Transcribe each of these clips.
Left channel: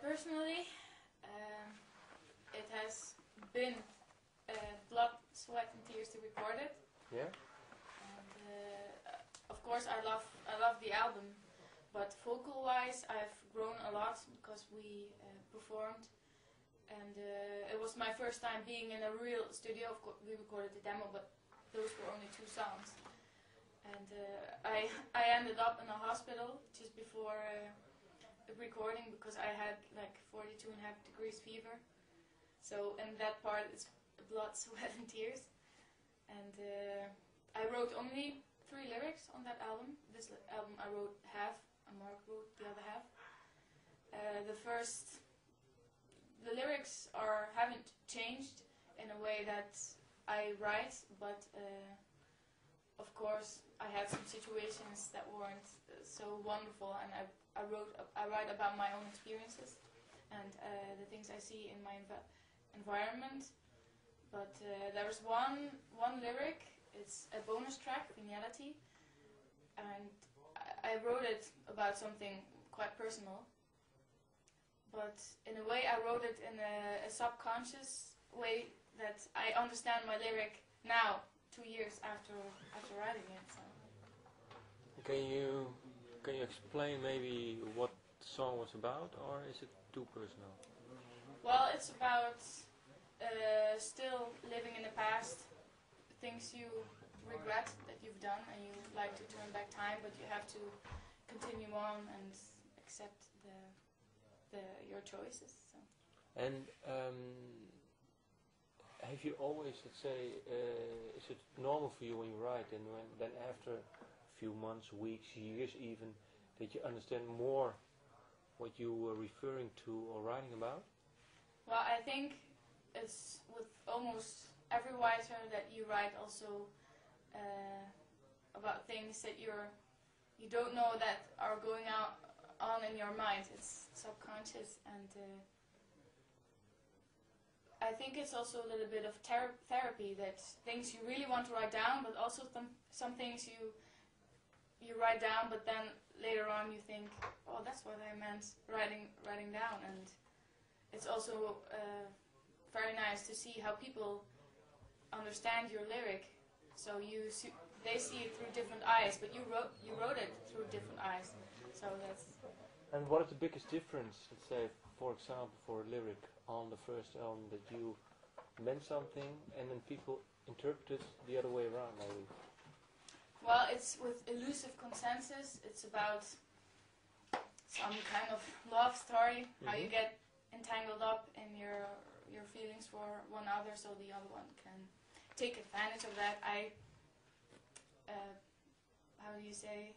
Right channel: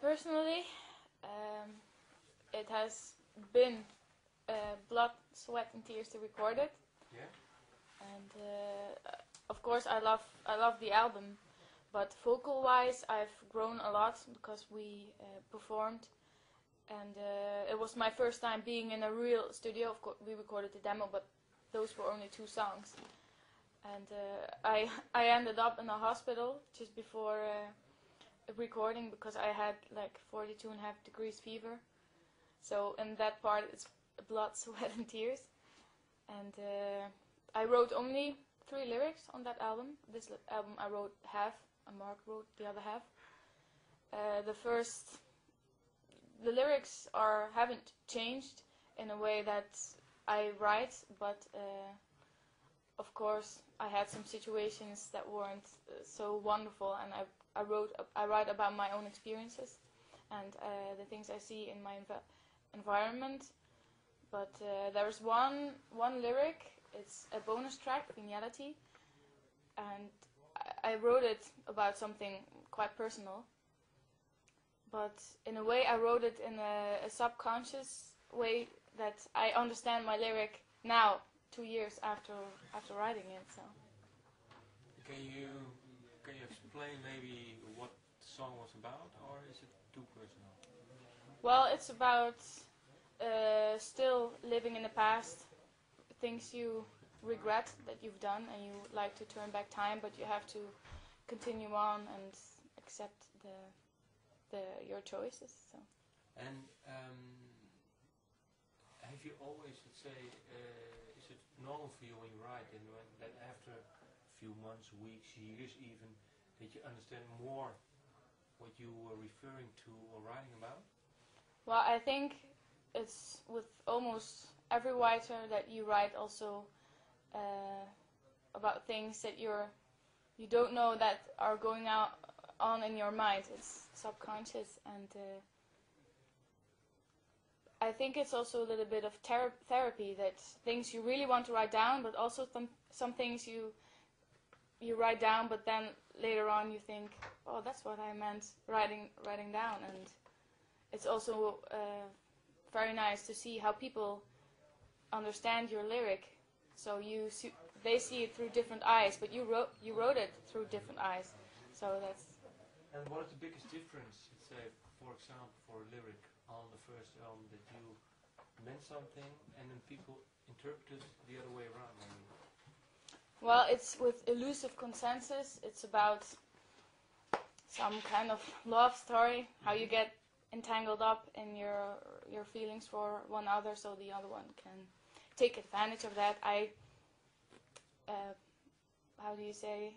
Personally, it has been blood, sweat, and tears to record it. Yeah. And of course, I love the album, but vocal-wise, I've grown a lot because we performed, and it was my first time being in a real studio. Of course, we recorded the demo, but those were only 2 songs. And I ended up in a hospital just before recording because I had like 42.5 degrees fever. So in that part it's blood, sweat and tears. And I wrote only 3 lyrics on that album. This album I wrote half and Mark wrote the other half. The lyrics haven't changed in a way that I write, but of course I had some situations that weren't so wonderful, and I write about my own experiences and the things I see in my environment. But there's one lyric. It's a bonus track, Finality, and I wrote it about something quite personal. But in a way, I wrote it in a subconscious way that I understand my lyric now, 2 years after writing it. So. Can you explain maybe what the song was about, or is it too personal? Well, it's about still living in the past, things you regret that you've done, and you like to turn back time, but you have to continue on and accept your choices. So. And have you always, let's say, is it normal for you when you write, and then after a few months, weeks, years even, that you understand more what you were referring to or writing about? Well, I think it's with almost every writer that you write also about things that you don't know that are going on in your mind. It's subconscious, and I think it's also a little bit of therapy, that things you really want to write down, but also some things you write down, but then later on you think, oh, that's what I meant writing down. And it's also very nice to see how people understand your lyric. So they see it through different eyes, but you wrote it through different eyes. So that's. And what is the biggest difference, let's say, for example, for a lyric on the first album, that you meant something and then people interpreted the other way around, maybe? Well, it's with Elusive Consensus. It's about some kind of love story, how you get entangled up in your feelings for one other, so the other one can take advantage of that. How do you say?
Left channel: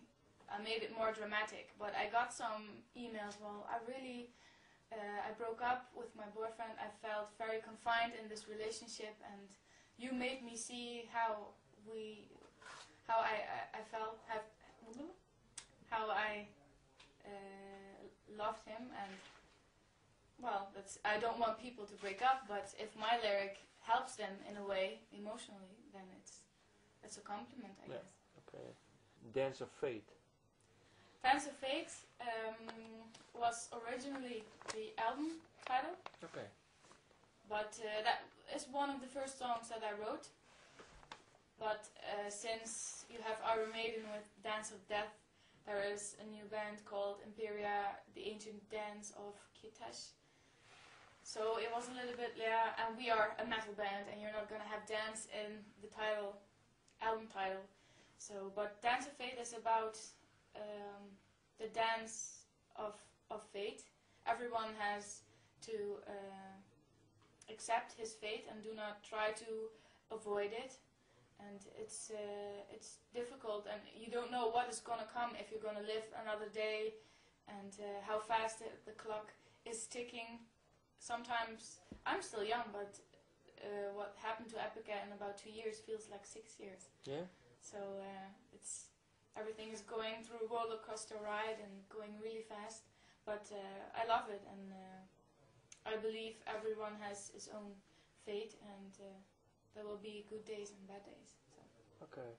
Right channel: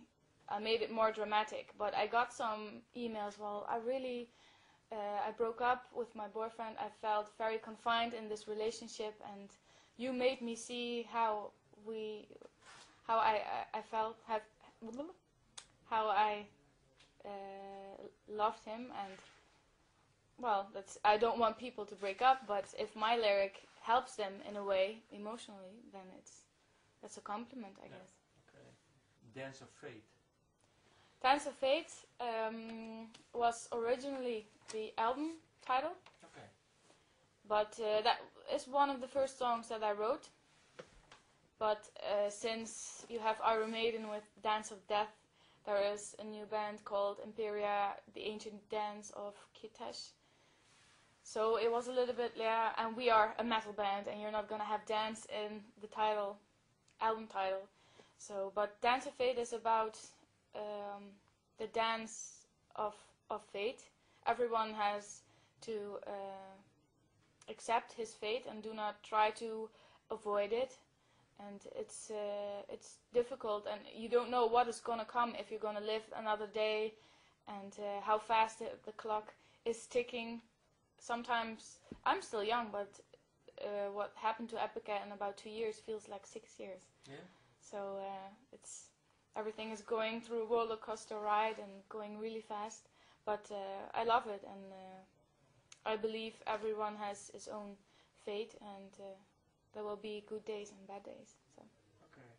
I made it more dramatic, but I got some emails. Well, I broke up with my boyfriend. I felt very confined in this relationship, and you made me see how I felt, how I loved him, and well, I don't want people to break up, but if my lyric helps them in a way emotionally, then that's a compliment, I guess. Okay. Dance of Fate. Dance of Fate was originally the album title. Okay. But that is one of the first songs that I wrote. But since you have Iron Maiden with Dance of Death, there is a new band called Imperia, the Ancient Dance of Kitesh. So it was a little bit, and we are a metal band, and you're not gonna have dance in the album title. So, but Dance of Fate is about the dance of fate. Everyone has to accept his fate and do not try to avoid it. And it's difficult, and you don't know what is gonna come, if you're gonna live another day, and how fast the clock is ticking. Sometimes I'm still young, but what happened to Epica in about 2 years feels like 6 years. Yeah. So everything is going through a roller coaster ride and going really fast. But I love it, and I believe everyone has his own fate, and there will be good days and bad days. So. Okay.